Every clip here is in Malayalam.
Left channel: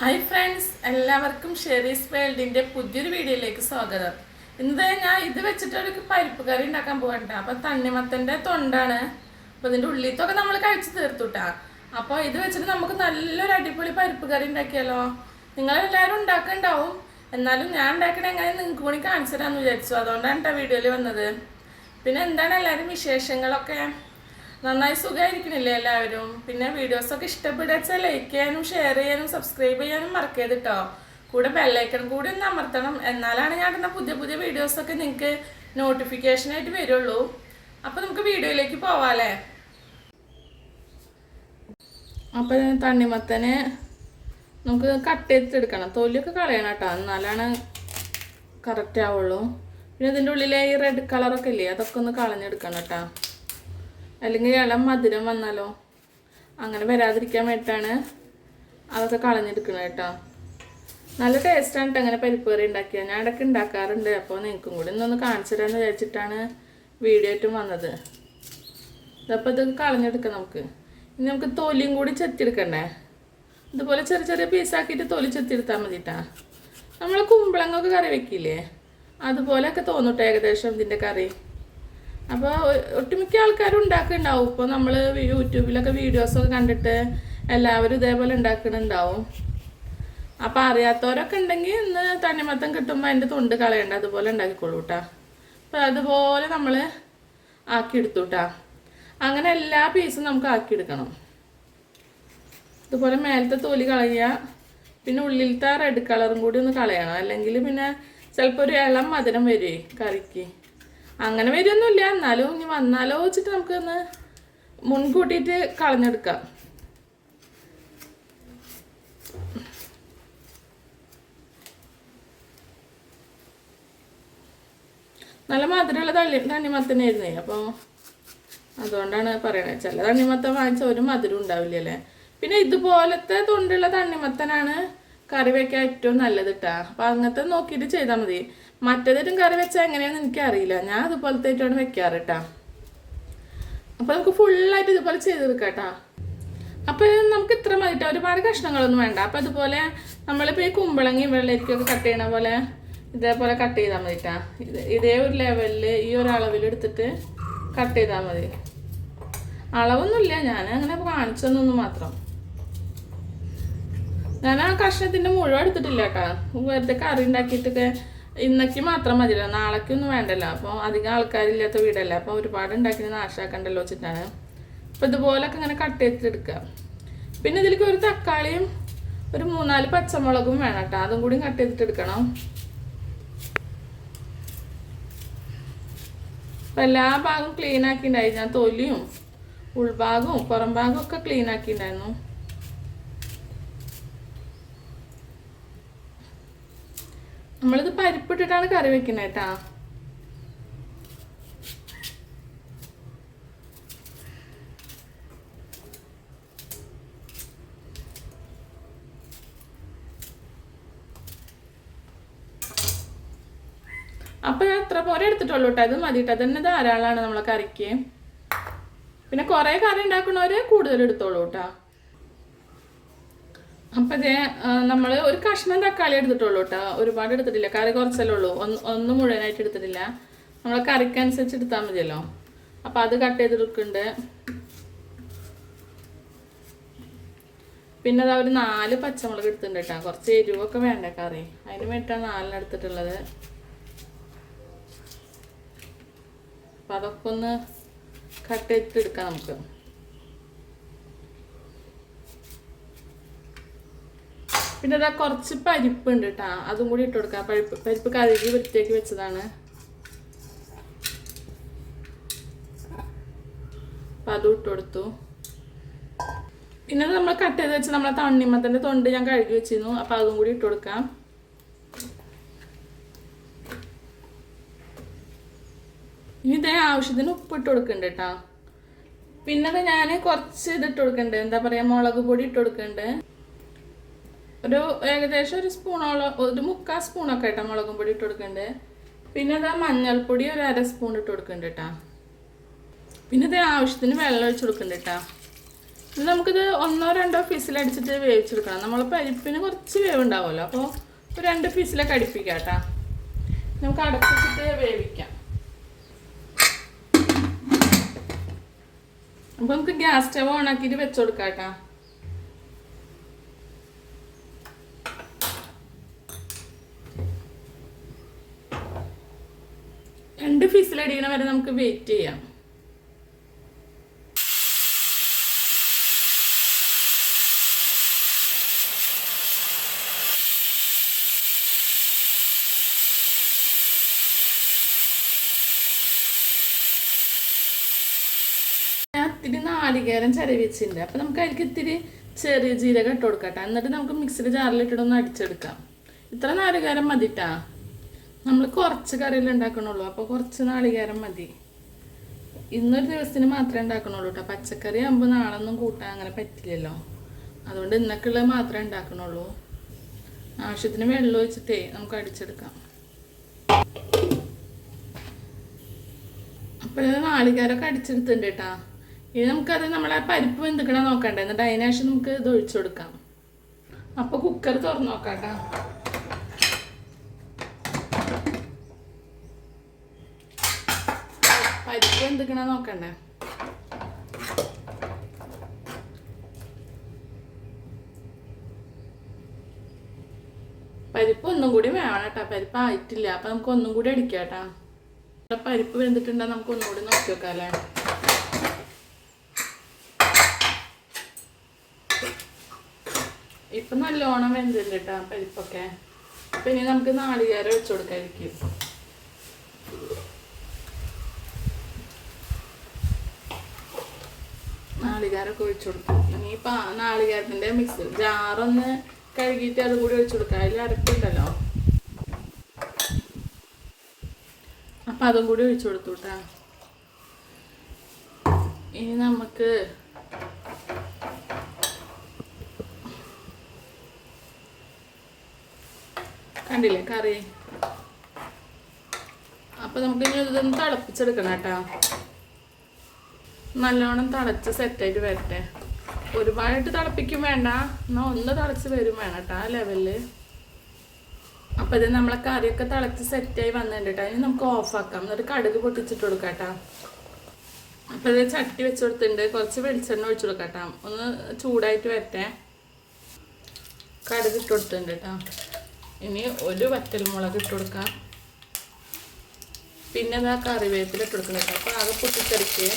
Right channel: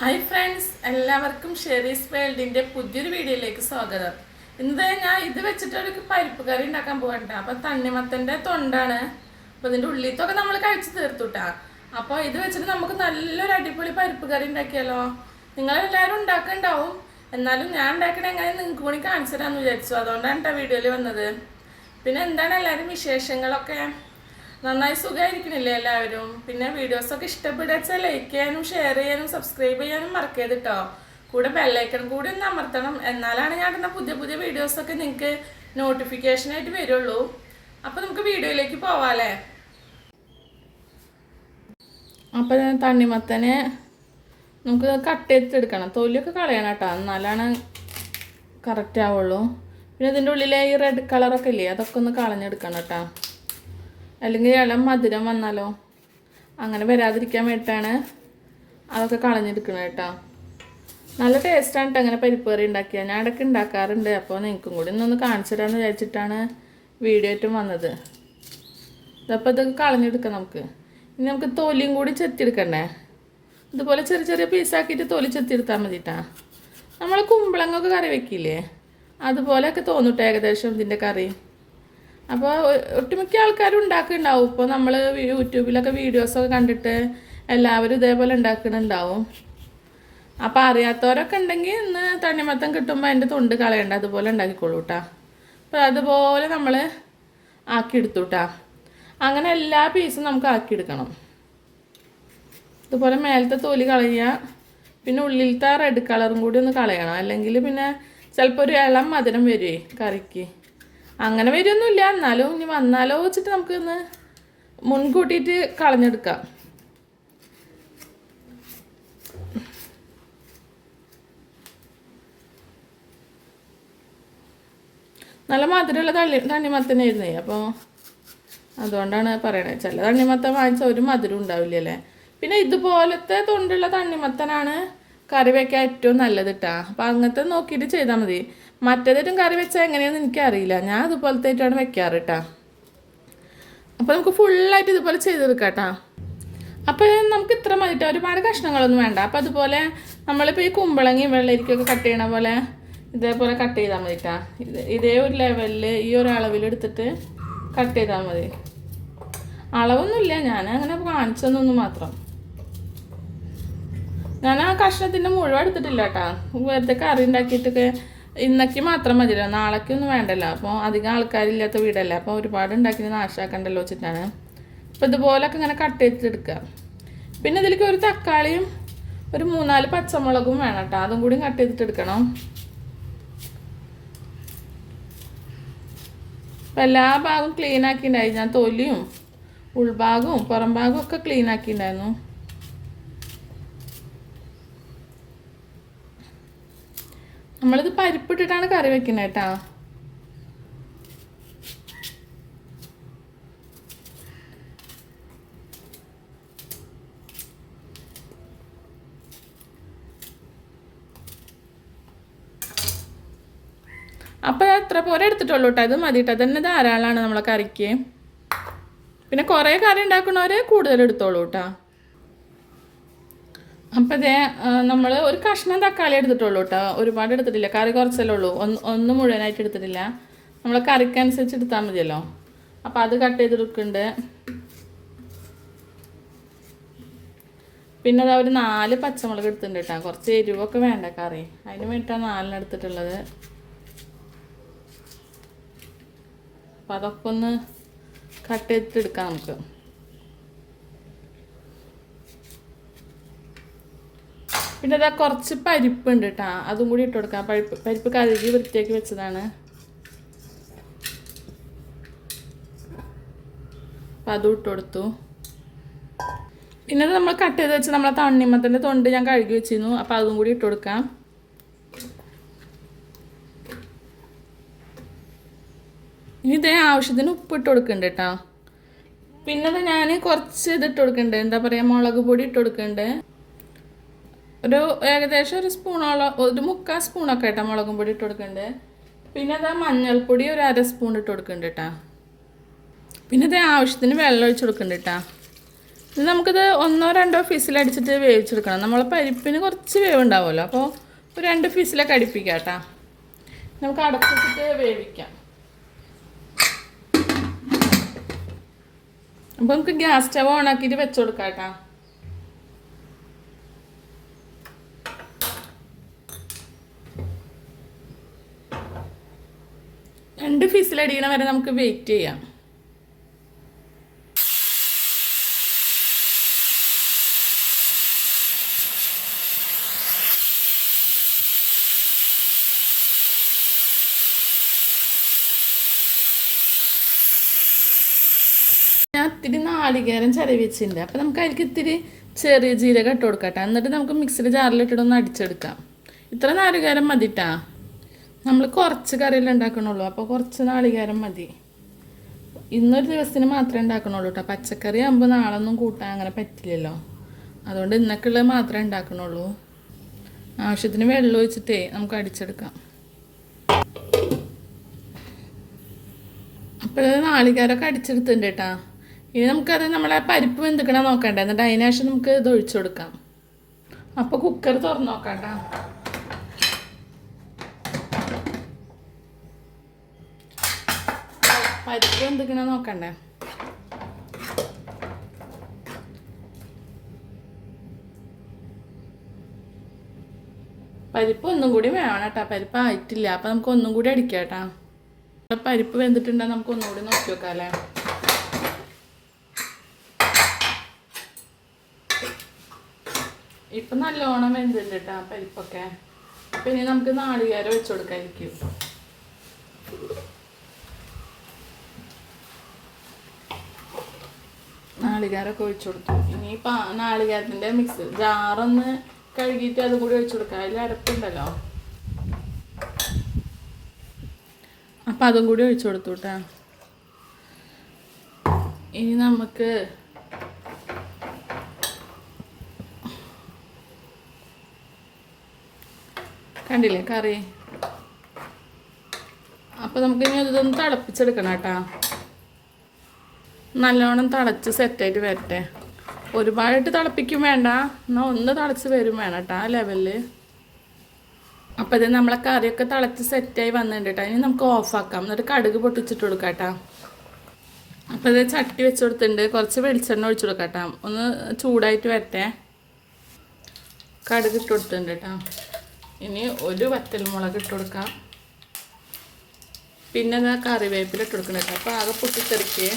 ഹായ് ഫ്രണ്ട്സ് എല്ലാവർക്കും ഷെറീസ് വേൾഡിന്റെ പുതിയൊരു വീഡിയോയിലേക്ക് സ്വാഗതം. ഇന്ന് ഞാൻ ഇത് വെച്ചിട്ട് ഒരു പരിപ്പ് കറി ഉണ്ടാക്കാൻ പോകണ്ട അപ്പൊ തണ്ണിമത്തന്റെ തൊണ്ടാണ്. അപ്പൊ ഇതിന്റെ ഉള്ളിത്തൊക്കെ നമ്മൾ കഴിച്ചു തീർത്തുട്ടാ അപ്പോൾ ഇത് വെച്ചിട്ട് നമുക്ക് നല്ലൊരു അടിപൊളി പരിപ്പ് കറി ഉണ്ടാക്കിയാലോ? നിങ്ങളെല്ലാവരും ഉണ്ടാക്കുന്നുണ്ടാവും എന്നാലും ഞാൻ ഉണ്ടാക്കണ എങ്ങനെ നിങ്ങൾക്ക് കൂടി കാണിച്ചു തരാമെന്ന് വിചാരിച്ചു. അതുകൊണ്ടാണ് കേട്ടോ വീഡിയോയിൽ വന്നത്. പിന്നെ എന്താണ് എല്ലാവരും വിശേഷങ്ങളൊക്കെ? നന്നായി സുഖമായിരിക്കണില്ലേ എല്ലാവരും? പിന്നെ വീഡിയോസ് ഒക്കെ ഇഷ്ടപ്പെടുക ലൈക്ക് ചെയ്യാനും ഷെയർ ചെയ്യാനും സബ്സ്ക്രൈബ് ചെയ്യാനും മറക്കരുത് കേട്ടോ കൂടെ ബെല്ലൈക്കൺ കൂടി ഒന്ന് അമർത്തണം. എന്നാലാണ് ഞാൻ ഇടുന്ന പുതിയ പുതിയ വീഡിയോസ് ഒക്കെ നിങ്ങൾക്ക് നോട്ടിഫിക്കേഷനായിട്ട് വരുള്ളൂ. അപ്പൊ നമുക്ക് വീഡിയോയിലേക്ക് പോവാല്ലേ അപ്പൊ തണ്ണിമത്തനെ നമുക്ക് കട്ട് ചെയ്തെടുക്കണം. തൊലിയൊക്കെ കളയണം കേട്ടോ എന്നാലാണ് കറക്റ്റ് ആവുള്ളൂ. പിന്നെ ഇതിന്റെ ഉള്ളിലെ ഈ റെഡ് കളറൊക്കെ ഇല്ലേ അതൊക്കെ ഒന്ന് കളഞ്ഞെടുക്കണം കേട്ടോ അല്ലെങ്കിൽ ഇളം മധുരം വന്നാലോ? അങ്ങനെ വരാതിരിക്കാൻ വേണ്ടിയിട്ടാണ് അതൊക്കെ കളഞ്ഞെടുക്കുന്നത് കേട്ടോ. നല്ല ടേസ്റ്റാണ് കേട്ടോ അങ്ങനെ പരിപ്പ് കറി ഉണ്ടാക്കിയാൽ. ഞാൻ ഇടയ്ക്ക് ഉണ്ടാക്കാറുണ്ട്. അപ്പോൾ നിങ്ങൾക്കും കൂടി ഇന്നൊന്ന് കാണിച്ചു തരാമെന്ന് വിചാരിച്ചിട്ടാണ് വീഡിയോ ആയിട്ടും വന്നത്. അപ്പോൾ ഇതൊക്കെ കളഞ്ഞെടുക്കാം നമുക്ക്. ഇനി നമുക്ക് തൊലിയും കൂടി ചെത്തിയെടുക്കണ്ടേ? ഇതുപോലെ ചെറിയ ചെറിയ പീസാക്കിയിട്ട് തൊലി ചെത്തിയെടുത്താൽ മതിട്ടാ. നമ്മൾ കുമ്പളങ്ങൊക്കെ കറി വെക്കില്ലേ? അതുപോലെയൊക്കെ തോന്നിട്ടോ ഏകദേശം ഇതിന്റെ കറി. അപ്പോൾ ഒട്ടുമിക്ക ആൾക്കാരും ഉണ്ടാക്കുന്നുണ്ടാവും. ഇപ്പോൾ നമ്മൾ യൂട്യൂബിലൊക്കെ വീഡിയോസൊക്കെ കണ്ടിട്ട് എല്ലാവരും ഇതേപോലെ ഉണ്ടാക്കുന്നുണ്ടാവും. അപ്പോൾ അറിയാത്തവരൊക്കെ ഉണ്ടെങ്കിൽ ഇന്ന് തണ്ണിമത്തം കിട്ടുമ്പോൾ അതിന്റെ തൊണ്ട് കളയണ്ട അതുപോലെ ഉണ്ടാക്കിക്കോളൂ കേട്ടോ അപ്പോൾ അതുപോലെ നമ്മൾ ആക്കിയെടുത്തു കേട്ടോ അങ്ങനെ എല്ലാ പീസും നമുക്ക് ആക്കിയെടുക്കണം. ഇതുപോലെ മേലത്തെ തോലി കളയുക പിന്നെ ഉള്ളിലത്തെ റെഡ് കളറും കൂടി ഒന്ന് കളയണം. അല്ലെങ്കിൽ പിന്നെ ചിലപ്പോൾ ഒരു ഇളം മധുരം വരുമേ കറിക്ക്. അങ്ങനെ വരുമൊന്നുമില്ല എന്നാലും ഇനി വന്നാലോ വെച്ചിട്ട് നമുക്കൊന്ന് മുൻകൂട്ടിയിട്ട് കളഞ്ഞെടുക്കാം. നല്ല മധുരമുള്ള തള്ളി തണ്ണിമത്തനായിരുന്നേ. അപ്പോൾ അതുകൊണ്ടാണ് പറയണത് ചില തണ്ണിമത്തൻ വാങ്ങിച്ച ഒരു മധുരം ഉണ്ടാവില്ലല്ലേ പിന്നെ ഇതുപോലത്തെ തൊണ്ടുള്ള തണ്ണിമത്തനാണ് കറി വയ്ക്കാൻ ഏറ്റവും നല്ലത് കേട്ടാ അപ്പം അങ്ങനത്തെ നോക്കിയിട്ട് ചെയ്താൽ മതി. മറ്റേതൊരു കറി വെച്ചാൽ എങ്ങനെയാണെന്ന് എനിക്കറിയില്ല. ഞാൻ ഇതുപോലത്തെ ആയിട്ടാണ് വെക്കാറ് കേട്ടാ അപ്പോൾ നമുക്ക് ഫുള്ളായിട്ട് ഇതുപോലെ ചെയ്തെടുക്കാം കേട്ടാ അപ്പോൾ നമുക്ക് ഇത്ര മതിട്ടോ. ഒരുപാട് കഷ്ണങ്ങളൊന്നും വേണ്ട. അപ്പോൾ അതുപോലെ നമ്മളിപ്പോൾ ഈ കുമ്പളങ്ങയും വെള്ളരിക്കൊക്കെ കട്ട് ചെയ്യണ പോലെ ഇതേപോലെ കട്ട് ചെയ്താൽ മതി കേട്ടാ ഇതേ ഒരു ലെവലിൽ ഈ ഒരു അളവിൽ എടുത്തിട്ട് കട്ട് ചെയ്താൽ മതി. അളവൊന്നുമില്ല. ഞാൻ അങ്ങനെ കാണിച്ചതെന്നൊന്നും മാത്രം. ഞാൻ ആ കഷ്ണത്തിന്റെ മുഴുവൻ എടുത്തിട്ടില്ല കേട്ടാ വെറുതെ കറി ഉണ്ടാക്കിയിട്ടൊക്കെ ഇന്നക്ക് മാത്രം മതിയല്ലോ. നാളേക്ക് ഒന്നും വേണ്ടല്ലോ. അപ്പോൾ അധികം ആൾക്കാരില്ലാത്ത വീടല്ലേ. അപ്പോൾ ഒരുപാട് ഉണ്ടാക്കി നാശാക്കണ്ടല്ലോ വെച്ചിട്ടാണ്. അപ്പോൾ ഇതുപോലൊക്കെ ഇങ്ങനെ കട്ട് ചെയ്തിട്ടെടുക്കുക പിന്നെ ഇതിലേക്ക് ഒരു തക്കാളിയും ഒരു മൂന്നാൽ പച്ചമുളകും വേണം കേട്ടോ അതും കൂടി കട്ട് ചെയ്തിട്ട് എടുക്കണം. അപ്പം എല്ലാ ഭാഗവും ക്ലീൻ ആക്കിയിട്ടുണ്ടായി ഞാൻ തൊലിയും ഉൾഭാഗവും പുറംഭാഗവും ഒക്കെ ക്ലീൻ ആക്കിയിട്ടുണ്ടായിരുന്നു നമ്മളിത് പരിപ്പിട്ടിട്ടാണ് കറി വെക്കുന്നത് കേട്ടാ. അപ്പോൾ അത്ര പോലെ എടുത്തിട്ടുള്ളൂ കേട്ടോ. അത് മതി കേട്ടോ. അതന്നെ ധാരാളമാണ് നമ്മളെ കറിക്ക്. പിന്നെ കുറേ കറി ഉണ്ടാക്കുന്നവരെ കൂടുതൽ എടുത്തോളൂ കേട്ടോ. അപ്പം ഇതേ നമ്മൾ ഒരു കഷ്ണം തക്കാളി എടുത്തിട്ടുള്ളൂ കേട്ടോ ഒരുപാട് എടുത്തിട്ടില്ല. കറി കുറച്ചല്ലേ ഉള്ളൂ. ഒന്ന് ഒന്ന് മുഴുവനായിട്ട് എടുത്തിട്ടില്ല. നമ്മൾ കറിക്കനുസരിച്ച് എടുത്താൽ മതിയല്ലോ. അപ്പോൾ അത് കട്ട് ചെയ്തെടുക്കുന്നുണ്ട് പിന്നെ അതാ ഒരു നാല് പച്ചമുളക് എടുത്തിട്ടുണ്ട് കേട്ടോ കുറച്ച് എരിവൊക്കെ വേണ്ട കറി. അതിന് വേണ്ടിയിട്ടാണ് നാലിന് എടുത്തിട്ടുള്ളത്. അപ്പം അതൊക്കെ ഒന്ന് കട്ട് ചെയ്തിട്ട് എടുക്കാം നമുക്ക്. പിന്നെ അതാ കുറച്ച് പരിപ്പുണ്ട് കേട്ടോ അതും കൂടി ഇട്ട് കൊടുക്കാം. പരിപ്പ് പരിപ്പ് കഴുകി വൃത്തിയാക്കി വെച്ചതാണ്. അപ്പം അതും ഇട്ട് കൊടുത്തു. പിന്നെ നമ്മൾ കട്ട് ചെയ്ത് വെച്ച് നമ്മളെ തണ്ണിമത്തന്റെ തൊണ്ട് ഞാൻ കഴുകി വെച്ചിരുന്നു. അപ്പം അതും കൂടി ഇട്ട് കൊടുക്കാം. ഇനി ഇതേ ആവശ്യത്തിന് ഉപ്പ് ഇട്ട് കൊടുക്കുന്നുണ്ട് കേട്ടോ പിന്നെ ഞാൻ കുറച്ച് ഇത് ഇട്ട് കൊടുക്കണ്ടേ. എന്താ പറയുക മുളക് പൊടി ഇട്ട് കൊടുക്കുന്നുണ്ട് ഒരു ഏകദേശം ഒരു സ്പൂണോളം ഒരു മുക്കാൽ സ്പൂണൊക്കെ കേട്ടോ മുളകും പൊടി ഇട്ട് കൊടുക്കുന്നുണ്ട് പിന്നെ അതാ മഞ്ഞൾപ്പൊടി ഒരു അര സ്പൂൺ ഇട്ട് കൊടുക്കുന്നുണ്ട് പിന്നെ ഇത് ആവശ്യത്തിന് വെള്ളം ഒഴിച്ച് കൊടുക്കുന്നുണ്ട് കേട്ടോ ഇത് നമുക്കിത് ഒന്നോ രണ്ടോ ഫിസിലടിച്ചിട്ട് വേവിച്ചെടുക്കണം നമ്മളെ പരിപ്പിന് കുറച്ച് വേവ് ഉണ്ടാവുമല്ലോ അപ്പോൾ ഒരു രണ്ട് ഫിസിലൊക്കെ അടുപ്പിക്കാം കേട്ടോ നമുക്ക് അടച്ചിട്ട് വേവിക്കാം. അപ്പോൾ നമുക്ക് ഗ്യാസ് സ്റ്റവ് ഓണാക്കിയിട്ട് വെച്ചു കൊടുക്കാം കേട്ടോ രണ്ട് ഫീസിൽ അടിയണ വരെ നമുക്ക് വെയിറ്റ് ചെയ്യാം. ഇത്തിരി നാളികേരം ചരവിച്ചിട്ടുണ്ട്. വെച്ചിട്ടുണ്ട് അപ്പം നമുക്ക് അതിലേക്ക് ഇത്തിരി ചെറിയ ജീരകം ഇട്ട് കൊടുക്കട്ടെ എന്നിട്ട് നമുക്ക് മിക്സിയുടെ ജാറിലിട്ടിട്ടൊന്ന് അടിച്ചെടുക്കാം. ഇത്ര നാളികേരം മതിട്ടാ. നമ്മൾ കുറച്ച് കറിയല്ലേ ഉണ്ടാക്കണുള്ളൂ. അപ്പോൾ കുറച്ച് നാളികേരം മതി. ഇന്നൊരു ദിവസത്തിന് മാത്രമേ ഉണ്ടാക്കണുള്ളൂ കേട്ടോ പച്ചക്കറി ആകുമ്പോൾ നാളൊന്നും കൂട്ടാൻ അങ്ങനെ പറ്റില്ലല്ലോ. അതുകൊണ്ട് ഇന്നൊക്കെയുള്ളത് മാത്രമേ ഉണ്ടാക്കണുള്ളൂ. ആവശ്യത്തിന് വെള്ളം ഒഴിച്ചിട്ടേ നമുക്ക് അടിച്ചെടുക്കാം. അപ്പോഴത് നാളികേരമൊക്കെ അടിച്ചെടുത്തിട്ടുണ്ട് കേട്ടാ ഇനി നമുക്കത് നമ്മളെ പരിപ്പ് വെന്തിക്കണം നോക്കണ്ടേ. എന്നിട്ട് അതിനുശേഷം നമുക്ക് ഇത് ഒഴിച്ചു കൊടുക്കാം. അപ്പോൾ കുക്കർ തുറന്നു നോക്കാം കേട്ടോ പരിപ്പ് വെന്തിക്കണ നോക്കണ്ടേ? പരിപ്പ് ഒന്നും കൂടി വേണം കേട്ടോ പരിപ്പ് ആയിട്ടില്ല. അപ്പം നമുക്ക് ഒന്നും കൂടി അടിക്കാം കേട്ടോ പരിപ്പ് വെന്തിട്ടുണ്ടെങ്കിൽ നമുക്ക് ഒന്നുകൂടി നോക്കി വെക്കാം അല്ലേ ഇപ്പൊ നല്ലോണം വെന്തിട്ടുണ്ട് കേട്ടോ പരിപ്പൊക്കെ. ഇനി നമുക്ക് നാളികേരം വെച്ചു കൊടുക്കാതിരിക്കും. നാളികേരമൊക്കെ ഒഴിച്ചു കൊടുത്തു. ഇനി പാ നാളികേരത്തിന്റെ മിക്സ് ജാറൊന്ന് കഴുകിയിട്ട് അത് കൂടി ഒഴിച്ചു കൊടുക്കുക അതിൽ അരപ്പുണ്ടല്ലോ. അപ്പം അതും കൂടി ഒഴിച്ചു കൊടുത്തു കേട്ടോ ഇനി നമുക്ക് കണ്ടില്ലേ കറി? അപ്പം നമുക്ക് ഇനി ഇതൊന്ന് തിളപ്പിച്ചെടുക്കണം കേട്ടാ നല്ലോണം തിളച്ച് സെറ്റായിട്ട് വരട്ടെ. ഒരുപാട് തിളപ്പിക്കും വേണ്ട. എന്നാൽ ഒന്ന് തിളച്ച് വരും വേണം കേട്ടോ ആ ലെവലിൽ അപ്പം ഇത് നമ്മളെ കറിയൊക്കെ തിളച്ച് സെറ്റായി വന്നിട്ടുണ്ട് കേട്ടോ ഇനി നമുക്ക് ഓഫാക്കാം എന്നിട്ട് കടുക് പൊട്ടിച്ചിട്ട് കൊടുക്കാം കേട്ടോ അപ്പം ഇത് ചട്ടി വെച്ച് കൊടുത്തിട്ടുണ്ട്. കുറച്ച് വെളിച്ചെണ്ണ ഒഴിച്ചു കൊടുക്കാം ഒന്ന് ചൂടായിട്ട് വരട്ടെ. കടുക് ഇട്ട് കൊടുത്തിട്ടുണ്ട് കേട്ടോ ഇനി ഒരു വറ്റൽമുളക് ഇട്ട് കൊടുക്കാം. പിന്നെ അതാ കറിവേപ്പില ഇട്ട് കൊടുക്കണം കേട്ടോ അപ്പോൾ ആകെ പൊട്ടിത്തെറിക്ക്.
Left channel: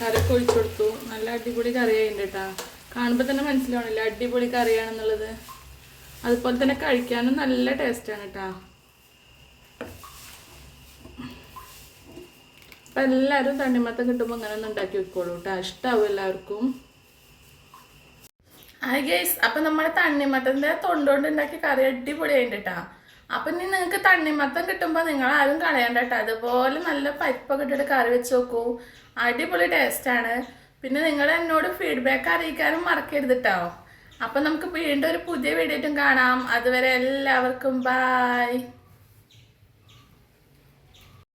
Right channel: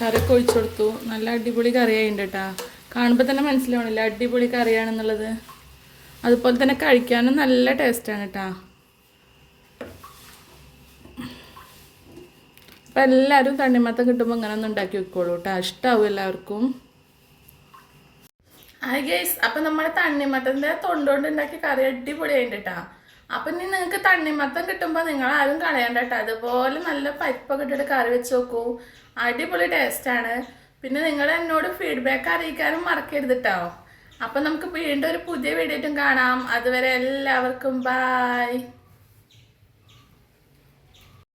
കറിയൊക്കെ ഒഴിച്ചു കൊടുത്തു. നല്ല അടിപൊളി കറിയായിട്ടുണ്ട് കേട്ടോ കാണുമ്പോൾ തന്നെ മനസ്സിലാവണില്ല അടിപൊളി കറിയാണെന്നുള്ളത്. അതുപോലെ തന്നെ കഴിക്കാനും നല്ല ടേസ്റ്റാണ് കേട്ടോ അപ്പം എല്ലാവരും തണ്ണിമത്തം കിട്ടുമ്പോൾ ഇങ്ങനെ ഒന്ന് ഉണ്ടാക്കി വെക്കോളൂ കേട്ടോ ഇഷ്ടാവും എല്ലാവർക്കും. ഹായ് ഗൈസ് അപ്പം നമ്മുടെ തണ്ണിമത്തന്റെ തൊണ്ടുകൊണ്ട് ഉണ്ടാക്കിയ കറി അടിപൊളിയായിട്ട് കേട്ടോ അപ്പം ഇനി നിങ്ങൾക്ക് തണ്ണിമത്തം കിട്ടുമ്പോൾ നിങ്ങൾ ആരും കളയണ്ട അതുപോലെ നല്ല പരിപ്പൊക്കെ ഇട്ടിട്ട് കറി വെച്ച് നോക്കൂ. അടിപൊളി ടേസ്റ്റ് ആണ്. പിന്നെ നിങ്ങൾ എന്നോട് ഫീഡ്ബാക്ക് അറിയിക്കാനും മറക്കരുത് അപ്പം നമുക്ക് വീണ്ടും ഒരു പുതിയ വീഡിയോ കാണാം. അതുവരെ എല്ലാവർക്കും ബായ്